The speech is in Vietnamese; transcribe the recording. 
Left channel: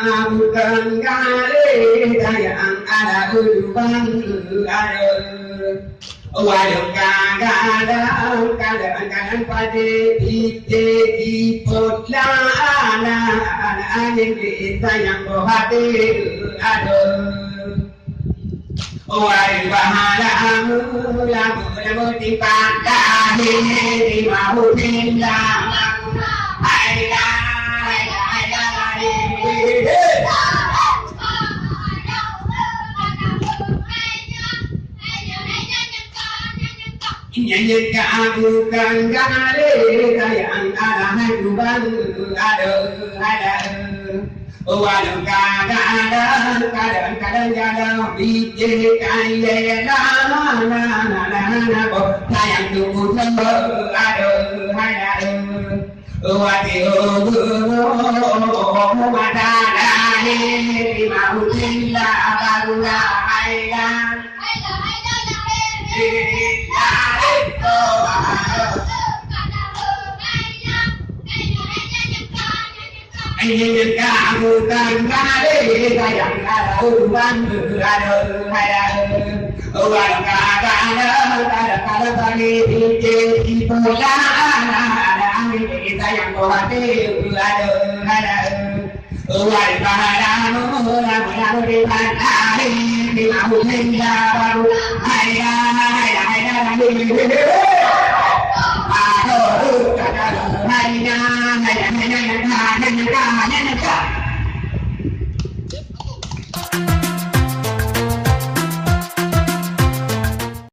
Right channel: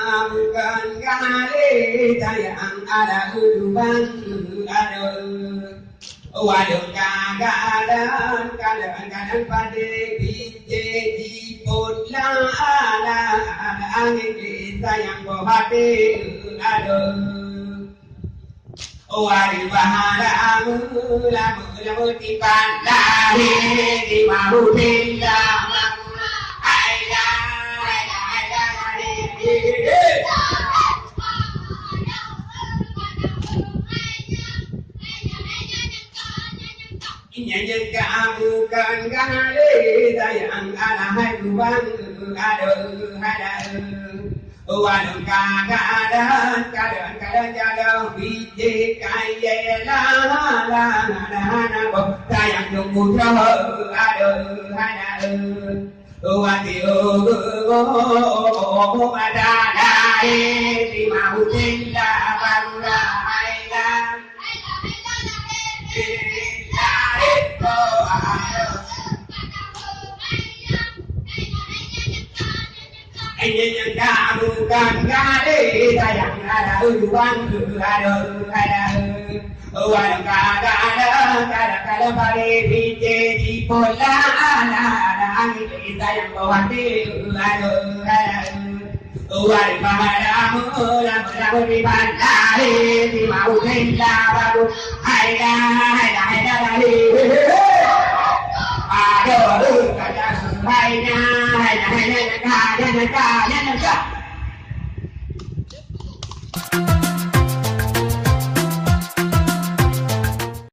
bukan kali sayang ada uban ada waduh kadang pada di potla ana angin sayang hati ada waduh bahala lamu di pantai di mau pindah Nyanyi bukan kali sayang ada hai kuban ada waduh kadang jadau biji kaya na sayang tunggu ada waduh madana di mau cinta baru anh nhân ca bukan kali sayang ada uban ada uang kadang pada biji di pola ada angin sayang hati ada uang bahagia di pantai di mau pindah baru ada hai na